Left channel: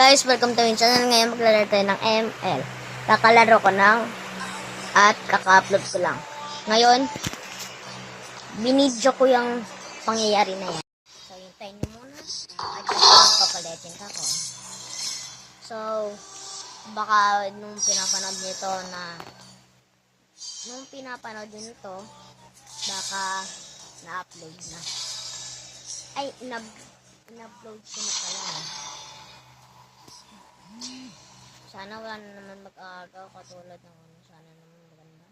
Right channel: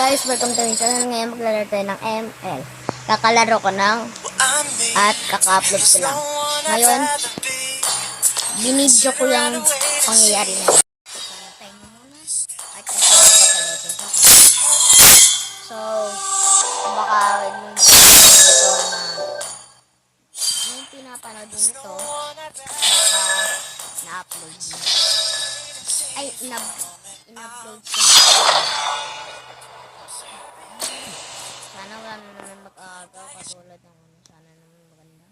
Guys, welcome to my channel. Ngayon maglalaro tayo ng ML. Kakalaro ko ng at kaka-upload ko lang. Ngayon, binidyo ko yung pangyayari na yun. So, hintayin nyo muna. At kasunod papalitin ko. So, baka nung pinapanood nyo ito, baka na-upload na. Ay, in-upload ko na. Sana wala na naman mag-aagaw katulad ng ano. Sana naman maganda.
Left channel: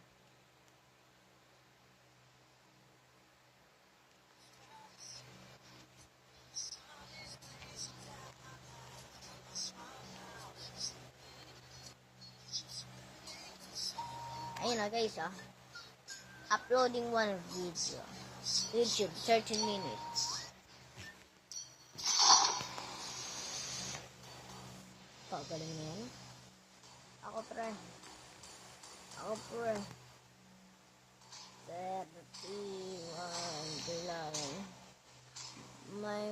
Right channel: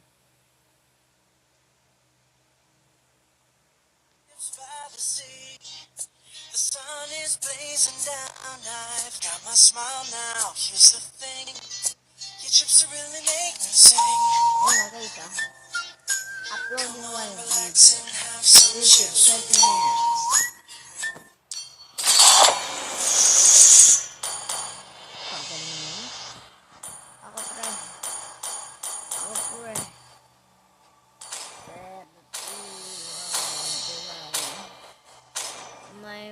Ayun na guys uploading one video. YouTube 30 minutes. Pagaling mo yun. Ako pre. May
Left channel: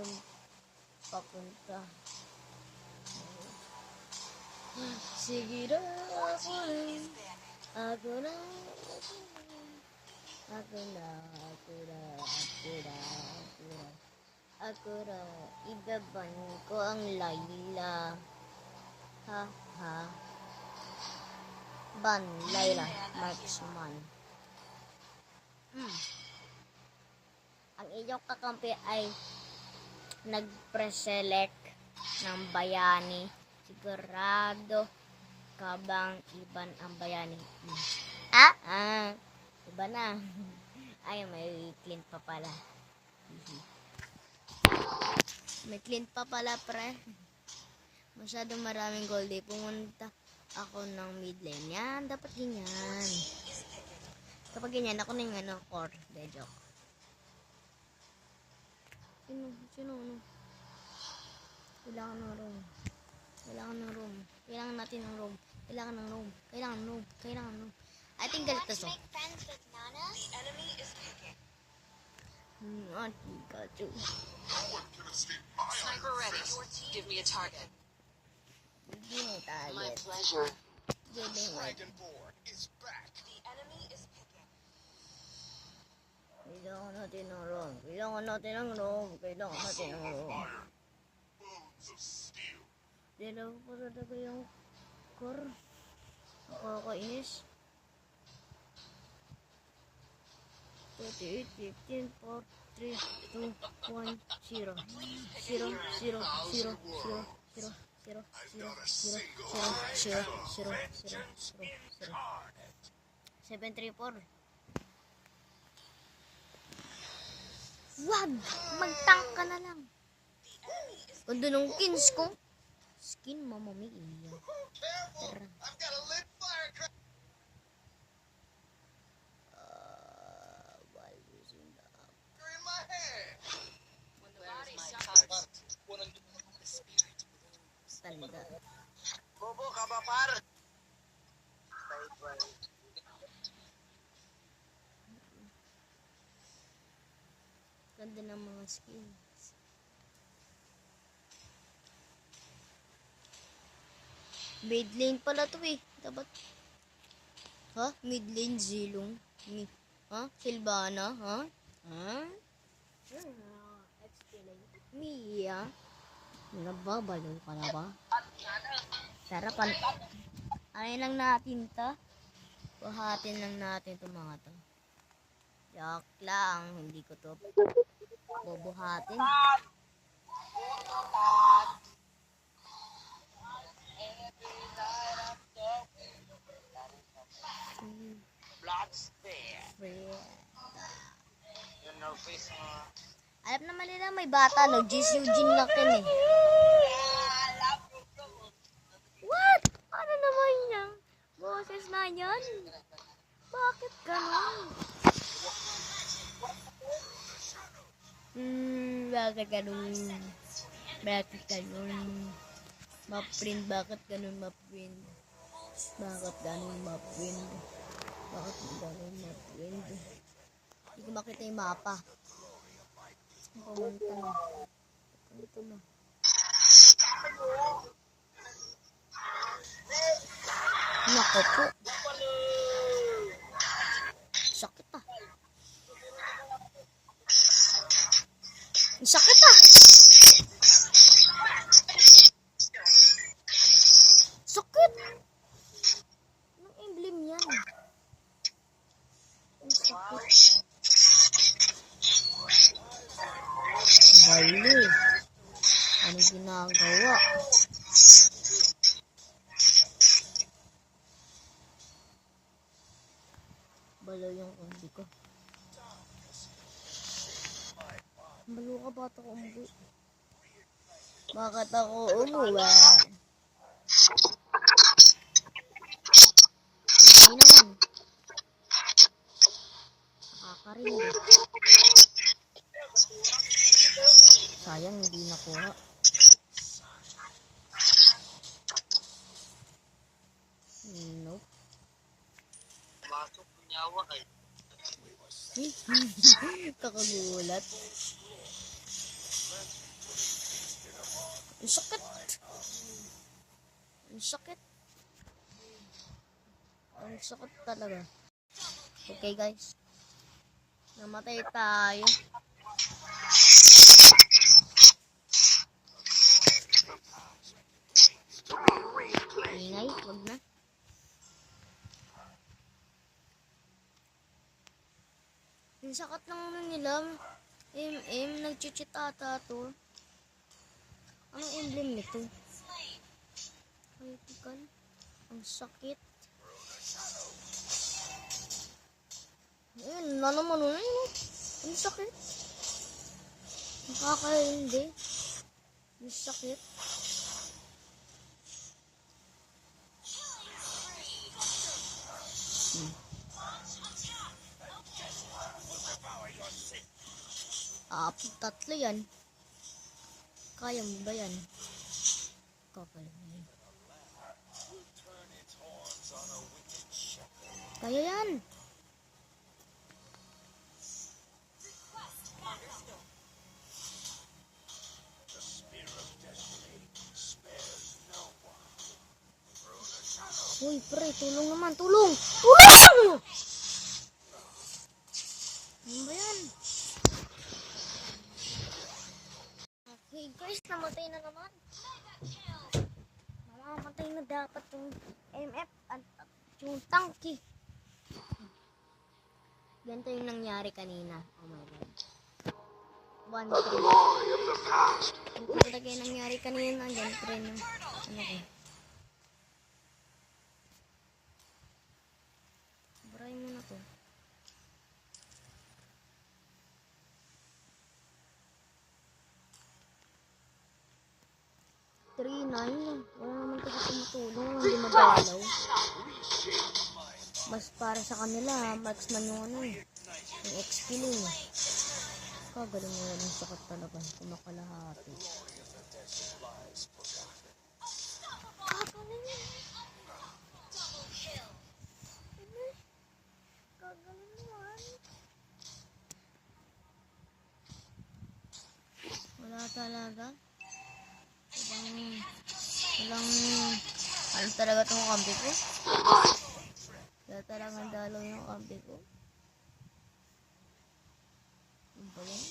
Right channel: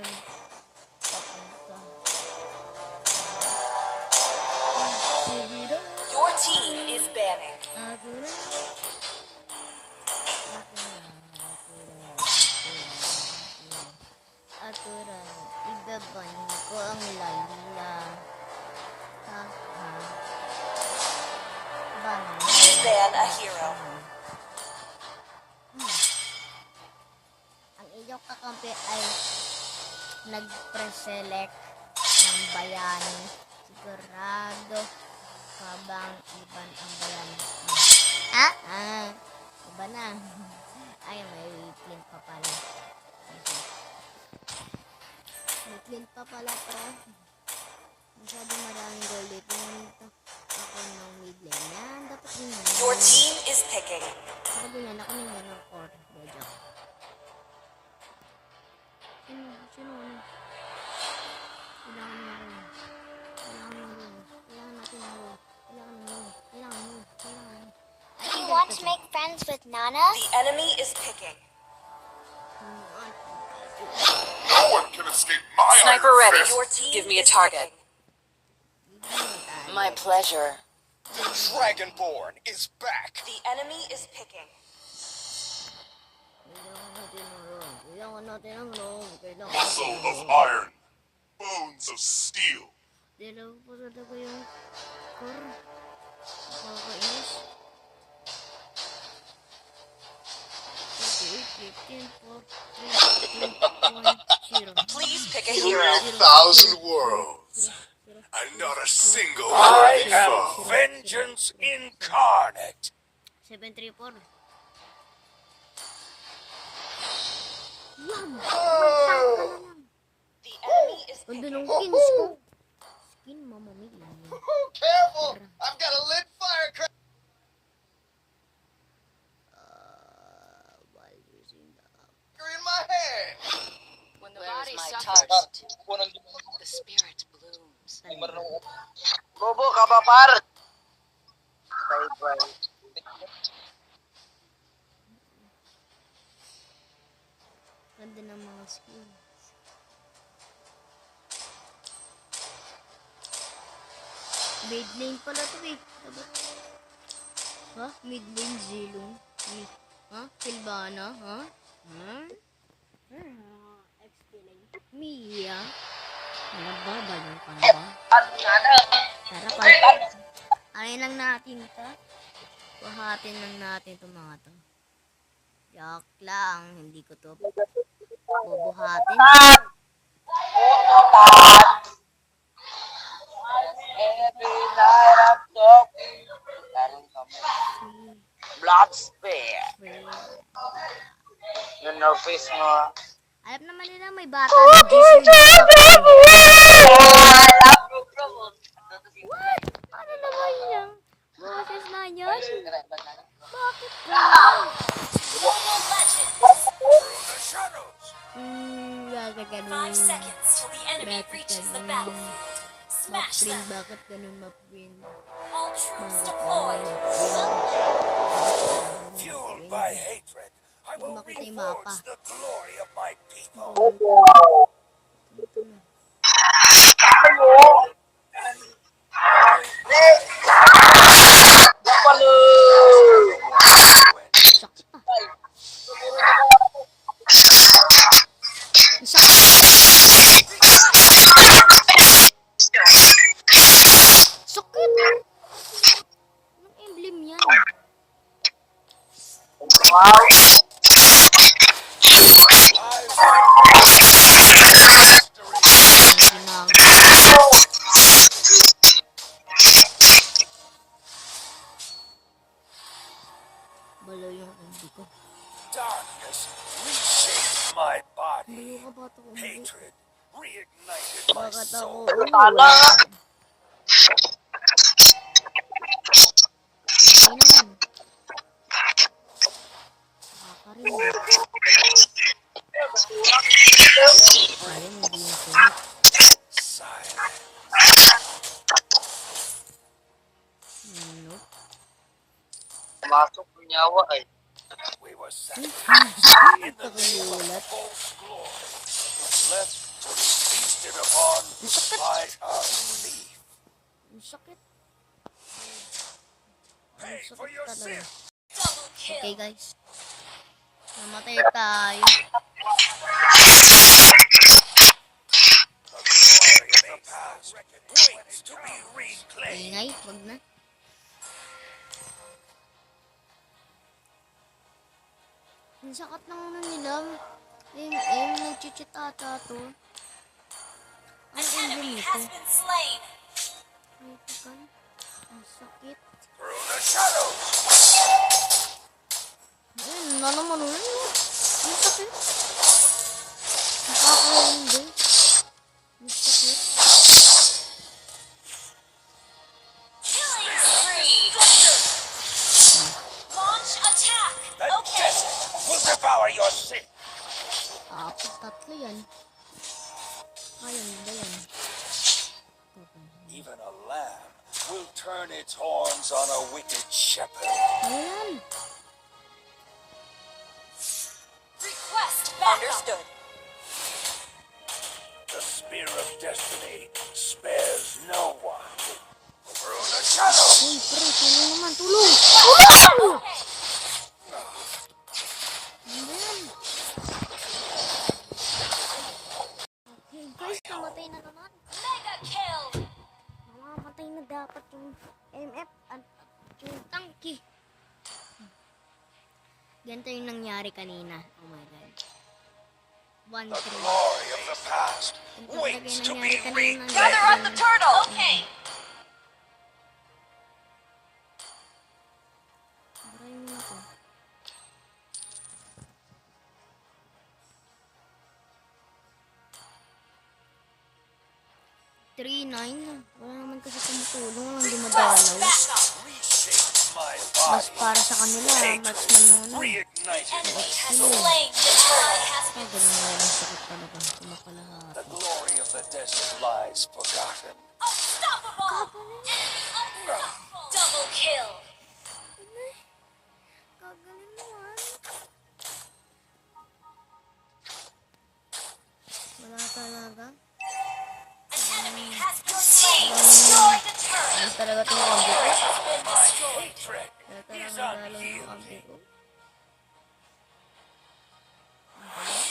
papunta. Your team is banning. Akura. Ibaban ko ang Layla. Ha. Ban a hero. Ang iyong kakampi ay nag-preselect ng bayani. Sigurado ka bang iban ang bayani? Iba na. Ay, may clint pa pala. May clint pa pala, pre. Masyadong maraming gold eh. Pumunta ako ng mid lane. Yan, dapat ganyan. Your team is picking. Kapag ganyan, ako na yung ng core. De joke. Sino? Kailangan ng room. Kailangan natin ng room. Kailangan room. I think want to make friends with Nana? The enemy is picking. No one can escape my Sniper iron ready. fist. Your team Give me a target. My pleasure. Dragonborn is back. The enemy is picking. Muscle of iron, bones of steel. Dalawa po sa dago yung core. Nakakainis. 38, 15, 4, 3, 2, 1, 0. Please pick a hero. 1,000 worlds. And not a single I worthy am foe. vengeance incarnate. 734. Yan! Magtank ka na lang. The enemy is Ganda ng skins ko. Skin mamamili. Careful! I've got a lit firecracker in my hand. When the body suffers, the spirit blooms. Bobo ka ba, par? Ganda ng mga skins. Mid lane pala to eh. Dapat. Ha? Mid lane Zilong. Silvana? Mia? Nababalo ka na ba? Tara pa. Ayain lang natin to. Buhatin lang natin itong mga to. Joke lang. Hindi ko to bubuhatin. Blood spear. Yung nerface mo. Alam naman nila may bata na Jesus. What? Ano naman yan? Boses na yan? Bakit ganun? Bakit ganun? Bakit ganun? Ma-print, bakit ganun ma-print? Bakit ganun ma-print? Fueled by hatred, I Hindi ko will makita yung mapa. reinforce the glory of my people. Ito na. Ano ginagawa? Balo yung umbi ko. Darkness reshaped my body. Balo ka bata ko umbi. Hatred reignited my Bakit soul. ako umuwi? Hindi naman. Nakakarindi. Sayang hindi nakuha. Silence. Nope. Pumasok ng nyawa ay. We were Hmm. sacrificed in the Nakagulat. false glory. Left to be feasted upon Ang sakit. by unbelief. Ang sakit. Ang Pay for sakit your talaga. sin. Okay guys. Namatay tayo. The glory of the past waits to be reclaimed. Ingay, wag na. Ang sakat ng ano nila. Nag-cheat ata to. Ang emblem nito. Critical. Ang sakit. Through the shadows. Ayun, na naman oh. Ang sakit. Nakakaindi. Ang sakit. The desert will devour your sin. Apat tatlo yan. Kaya mo ba yan? Kapal. Even a lamb will turn its horns on a wicked shepherd. Ano yan? Understood. The spear of destiny spares no one. Through the shadows. Uy, pre, tulong naman, tulong! Tulong! Ano ba yan? Okay guys, namatay na naman. Namamatay na dapat yung MF at yung tanky. Ganito yung nangyari kanina. Oh my god. 1-3. Glory of the past Ang talaga waits yung to nangyari be kanina. Gather up the turtle. Okay. Bray mo na to. Three, nine. Wala naman kasi tumutulong. Hindi madalaw. reshaped my Mas body. para sa kanila, mas manano. Reignited Yung XP mo. Galing nga yung sakit talaga. the Kumakalahati. glory of the desert lies forgotten. Double kill. Gagaling naman. Wala talaga. Ano talaga itong kambi ko? Hatred Kaya talagang dalaw yung kambi ko. Ano ba yan?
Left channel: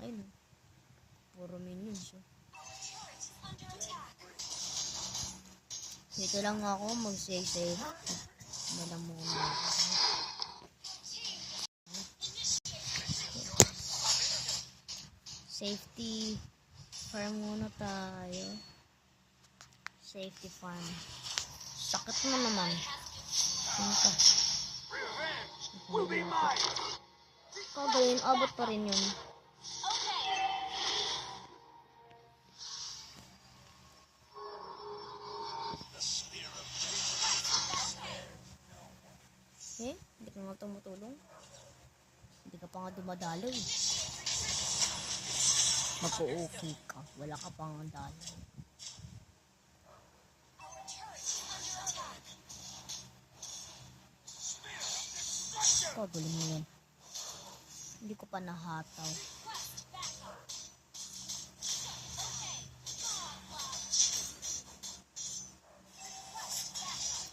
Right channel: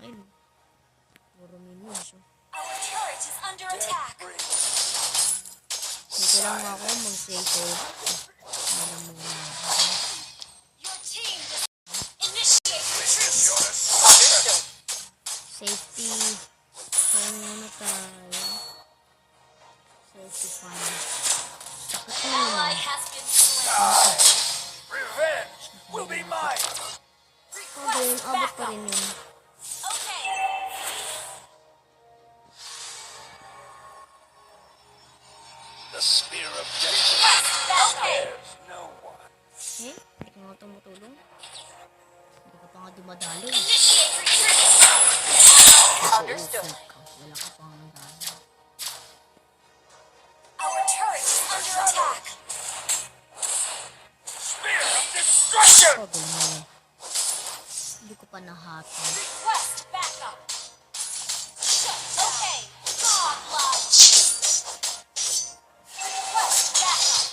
Ayun. Puro minions. Oh. Our turret is under attack. Dito lang ako mag-save. Wala muna ako. Your team initiate retreat. Safety. Kaya muna tayo. Safety fund. Sakit na naman. Has been slain. revenge will be mine. Kagayon, abot pa rin yun. The spear of destiny spares no one. Eh, hindi ka nga tumutulong. Hindi ka pa nga dumadalo. eh. Nag-o-open ka. Wala ka pang dalo. Our turret is under attack. Spear of destruction. Kagayon mo yun. Hindi ko pa nahatol. Request backup. Okay. Godlike. Request backup.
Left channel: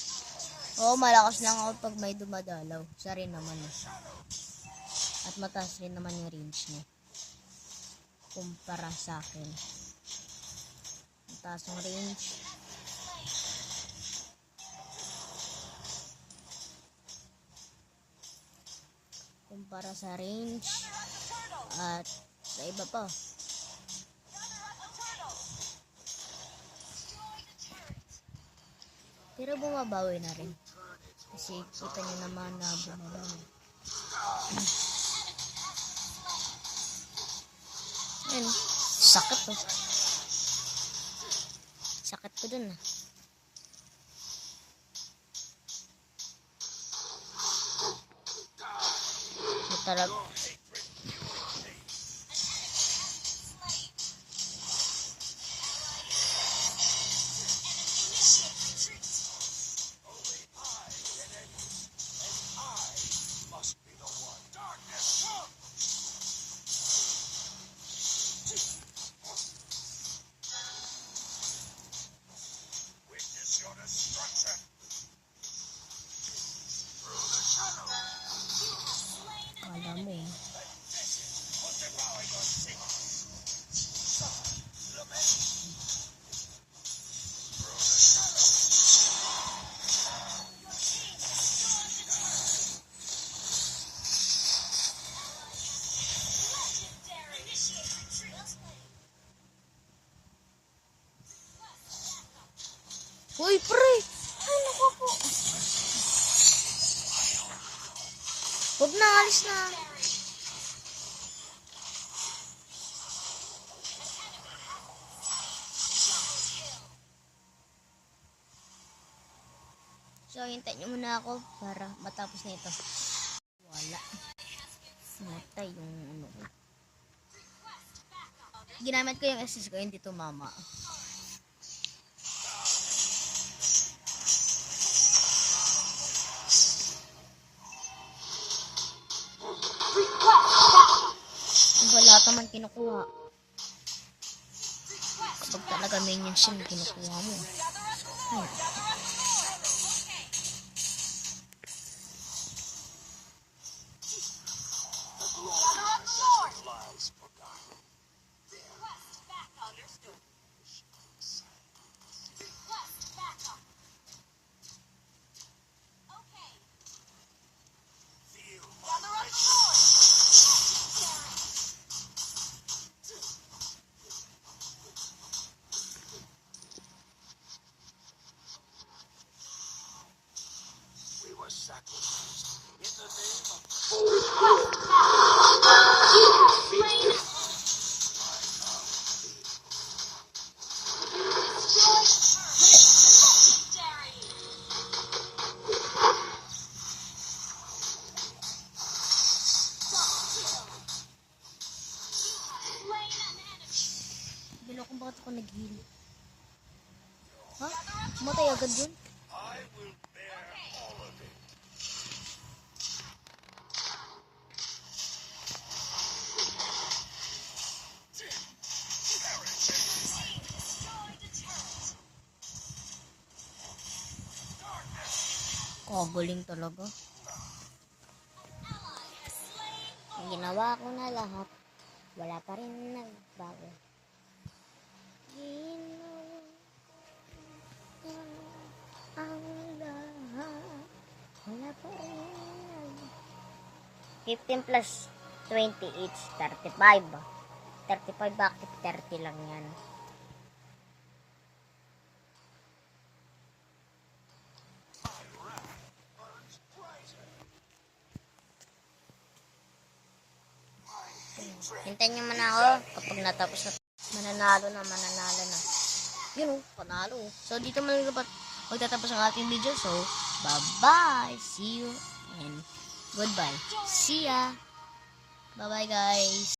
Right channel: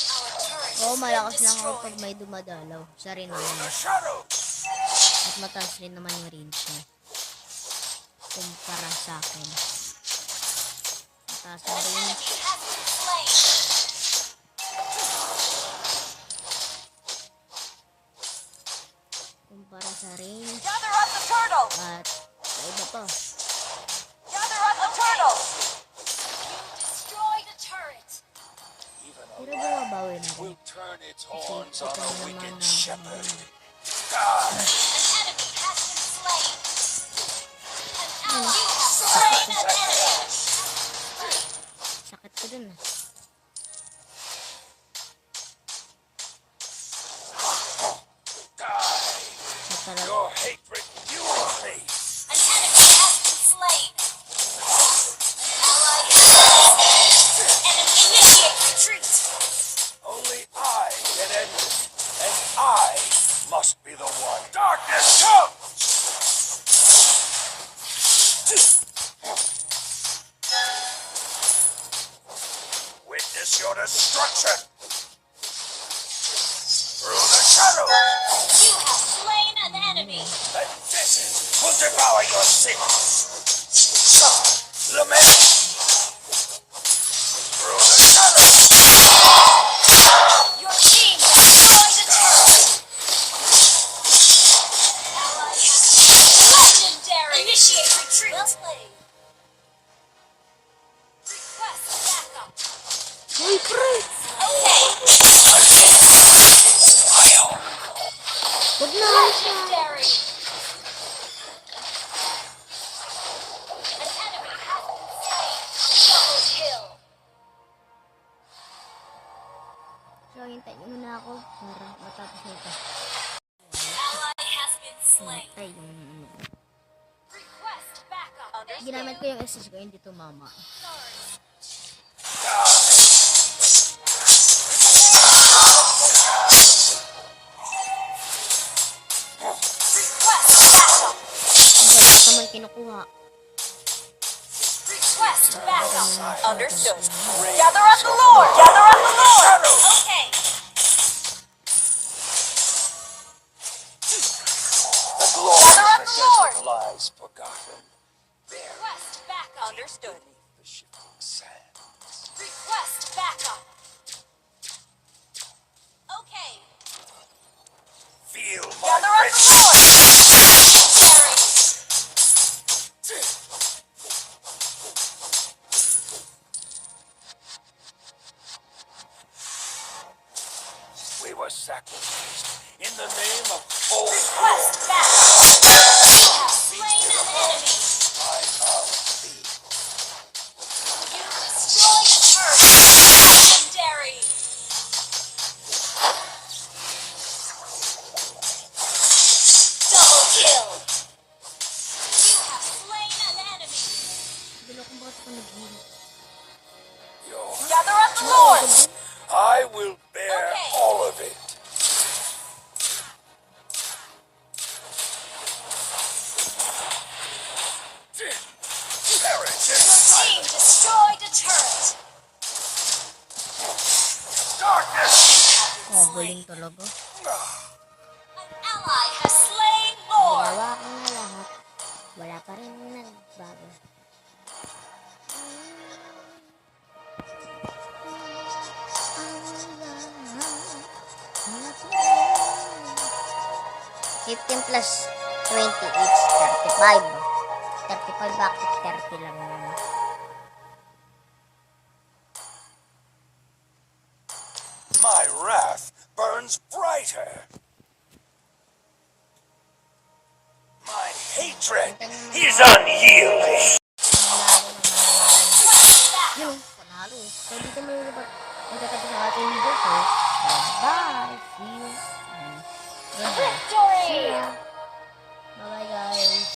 Our turret Oo, malakas lang ako pag may dumadalaw. Siya rin naman. The shadows. At mataas rin naman yung range niya. Kumpara sa akin. Mataas ang range. has been slain. para sa range Gather up the turtle. at sa iba pa. Gather up the turtle. Destroy the turret. Pero bumabawi na rin. Will turn its Kasi horns on kita a mo naman wicked na shepherd. bumabawi. An enemy has been slain. Ayun, You have sakit slain ko. an enemy. Sakit ko dun ah. So, talaga. Your hatred fuels me. An enemy has been slain. Ally has been slain. Enemy initiate retreat. Only I can end it. And I must be the one. Darkness comes! Witness your destruction! Through the shadows! You have slain an enemy. And this will devour your sins! Lament! Through the shadows! Your team destroyed the turret. Ally has legendary. Initiate retreat. Well played. Request backup. Uy, pre! Okay. Huwag na, alis na. Legendary. An enemy has been slain. Double kill. So, hintayin nyo muna ako para matapos na ito. Ally has been slain. Matay yung ano ko. Request backup. Ginamit ko yung SS ko, hindi tumama. Request backup. Kung wala ka man kinukuha, Request talaga backup. may niya siya kinukuha mo. Gather up the Lord. Gather up the Lord. Okay. The glorious desert lies forgotten. There Request backup. Understood. the shifting sand. Request backup. Okay. Feel my Gather up the vengeance. Lord. Legendary. We were sacrificed in the name of old Request backup. You have slain an enemy. I love thee. You destroyed the turret. Legendary. Double kill. You have slain an enemy. Bilo kung bakit ako nag-heal. Your Gather up the Matay Lord. agad din. I will bear Okay. all of it. Perish in Team destroyed a turret. darkness. Koboling talaga. An ally has slain Lord. Ginawa ko na lahat. Wala pa rin nagbago. $15 plus 20 each, 35. 35 bakit 30 lang yan. My wrath burns brighter. My hatred Hintayin nyo is manalo. unyielding. Mananalo na, mananalo na. Yun o, panalo. So, dito magtatapos ang ating video. So, bye-bye. See you and goodbye. See ya. Bye-bye, guys.